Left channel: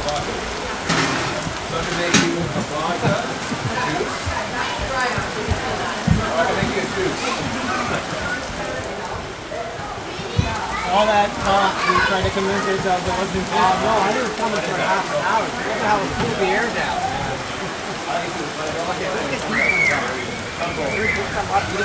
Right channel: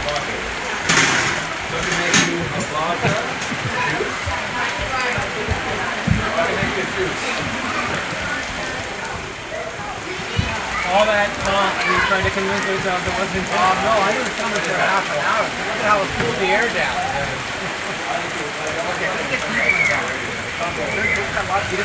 What to make you a vodka? What to make you a juice? All that talk, we tried to convince ourselves it wasn't fun. No, I didn't come for half an hour. Look at how it cooled the air down. Okay, let's get